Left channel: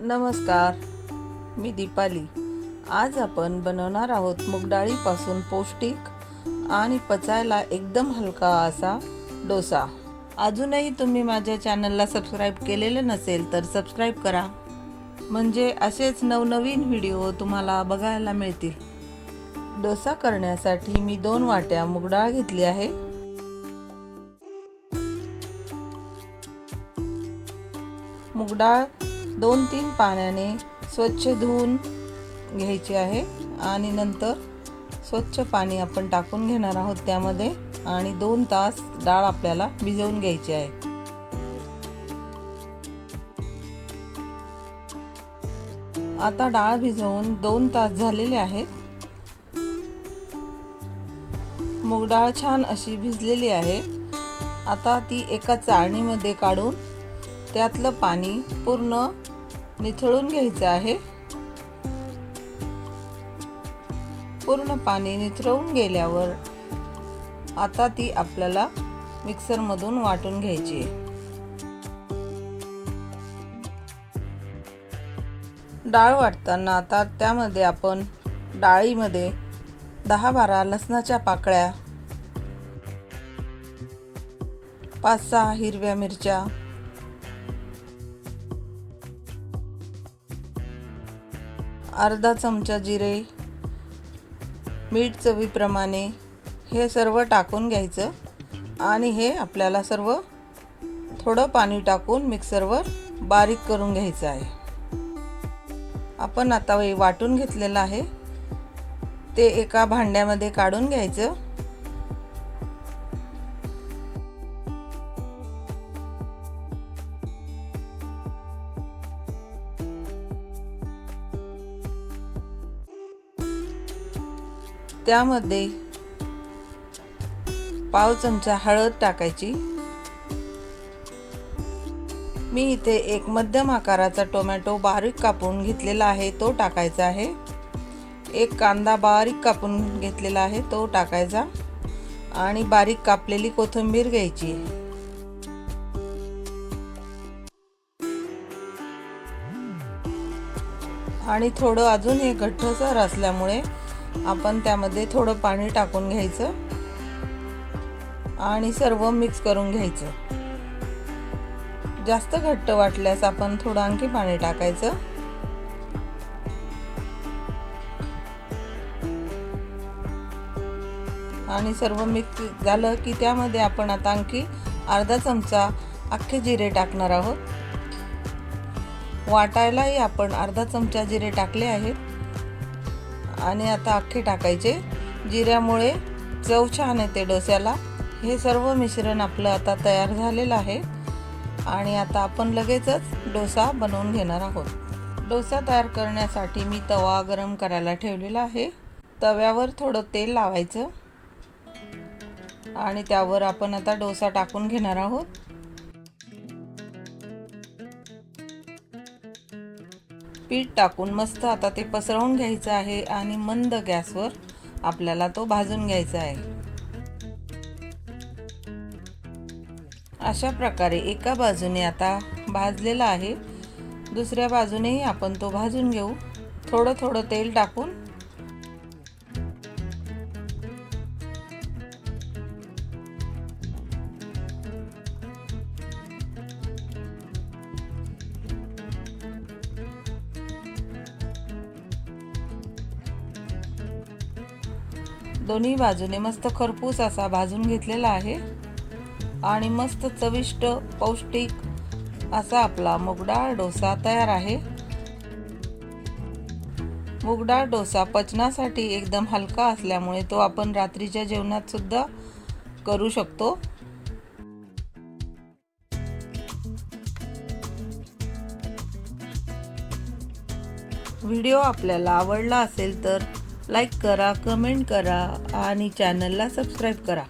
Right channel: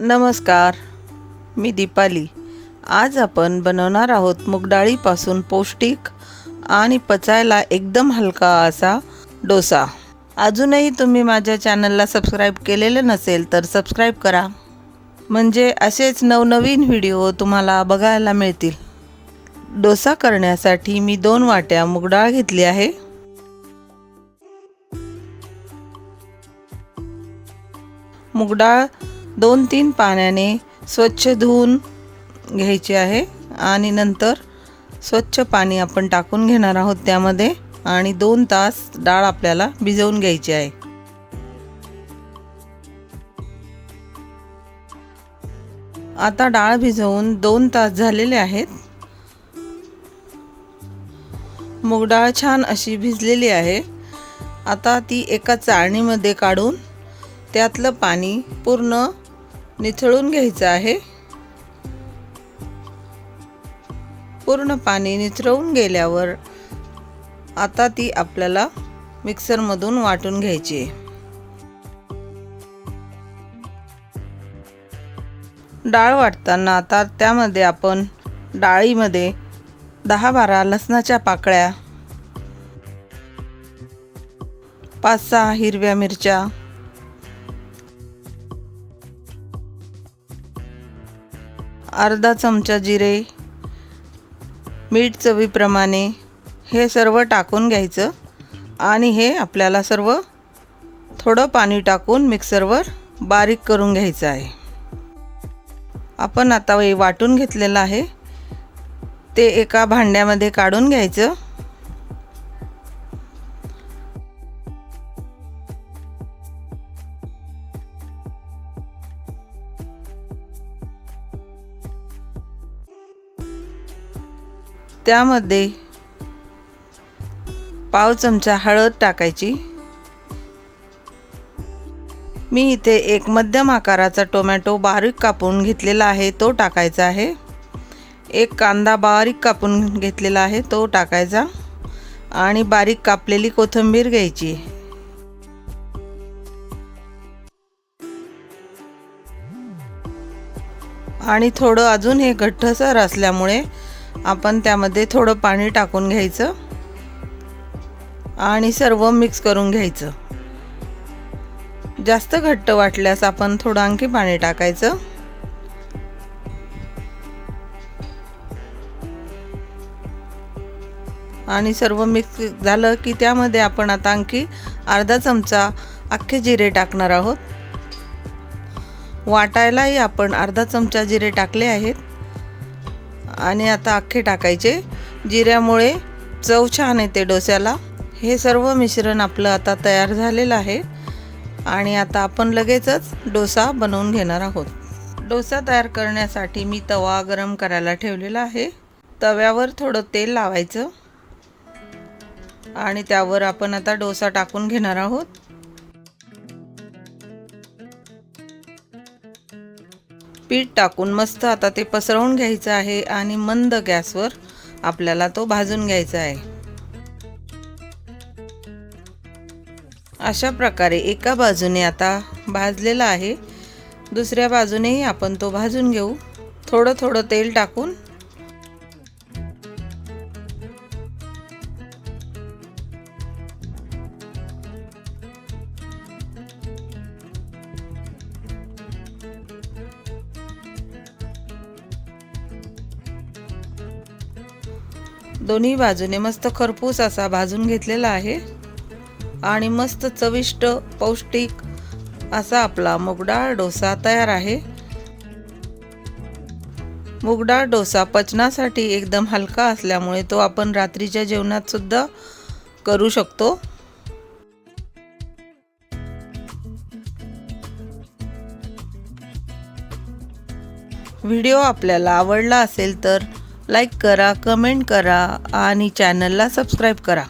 नमस्कार मी दीपाली. आज आपण बनवणार आहोत मुगडाळीपासून पौष्टिक आणि पचायला एकदम हलका असा डोसा. अजूनही तुम्ही माझ्या चॅनलला सबस्क्राईब केलेलं नसेल तर सबस्क्राईब करा. म्हणजे असेच नवनवीन व्हिडिओ तुम्हाला बघायला मिळतील. डोसा करण्यासाठी मी दोन वाट्या मुगडाळ घेतली आहे. मुगडाळ दोन तीन पाण्याने स्वच्छ धुवून घ्यायची आहे आणि नंतर स्वच्छ पाणी आपण टाकून घेणार आहोत त्यामध्ये आणि दोन तास डाळ आपल्याला भिजवून घ्यायची आहे. आता डाळ भिजवून दोन तास झालेले आहेत. मूग डाळ छान अशी भिजलेली आहे. आता ती एका चाळणीमध्ये काढून त्यातलं पाणी पूर्ण निथळून घ्यायचं आहे. पूर्ण पाणी निथळून गेल्यावर आता ती आपल्याला मिक्सरमधून वाटून घ्यायची. आहे डाळ वाटताना आता त्यामध्ये आपण डाळीमध्ये दहा बारा लसणाच्या पाकळ्या पाच सहा हिरव्या मिरच्या अर्धा चमचा जिरे मीठ चवीप्रमाणे हे सर्व टाकून घ्यायचं आणि हे आपल्याला सर्व थोडं पाणी टाकून मिक्सरवर बारीक करून घ्यायचं आहे. आपण आता वाटून घेतलेलं आहे. ते एका भांड्यामध्ये काढून घ्यायचं. त्यामध्ये पाव चमचा हळद टाकायची. मी इथे एक मध्यम आकाराचा टोमॅटो बारीक कापून घेतलेला आहे तो टाकायचा आहे. एक कांदा बारीक कापून घेतलेला आहे तो टाकायचा. आणि बारीक कापलेली कोथिंबीर घ्यायची. आणि थोडं अजून हे घट्टसर असल्यामुळे आपण त्यामध्ये थोडं पाणी टाकून घ्यायचं आणि सर्व मिक्स करून घ्यायचं. जास्त घट्ट वाटल्यास आपण थोडं आणखी पाणी टाकायचं. आणि सर्व मिक्स झालं की त्यामध्ये आपण आता आणखी अर्धा चमचा अख्खे जिरे टाकणार आहोत. वाटायलाही आपण अर्धा चमचा जिरे टाकले आहेत. आणि आता अख्खे टाकायचे. जिऱ्यामुळे चव छान येते डोस्याला. हे सर्व मिश्रण आपलं आता तयार झालेलं आहे. आणि आता आपण लगेचच डोसा बनवून घेणार आहोत. डोसा तयार करण्यासाठी मी तवा गरम करायला ठेवलेला आहे. तव्यावर थोडं तेल लावायचं. आणि त्यावर आपण आता डोसा टाकून घेणार आहोत. पीठ टाकून मस्त आता ते पसरवून घ्यायचं आहे आणि मंद गॅसवर आपल्याला तो भाजून घ्यायचा आहे. अशा प्रकारे एका बाजूने आता भाजलेला आहे. दुसऱ्या बाजूनेही आपण तो भाजून घेऊ. थोडं थोडं तेल टाकून दोन्ही बाजूने मस्त खरपूस असा भाजून घेतलेला आहे. आणि मस्त चविष्ट पौष्टिक असा आपला मुगडाळ डोसा तयार आहे. मुगडाळ डोसा पचनासाठी एकदम हलका असल्यामुळे तो आपण रात्रीच्या जेवणात सुद्धा करू शकतो. व्हिडिओ आपल्याला आवडला असेल तर लाईक करा कमेंट करा आणि चॅनलला सबस्क्राईब करा.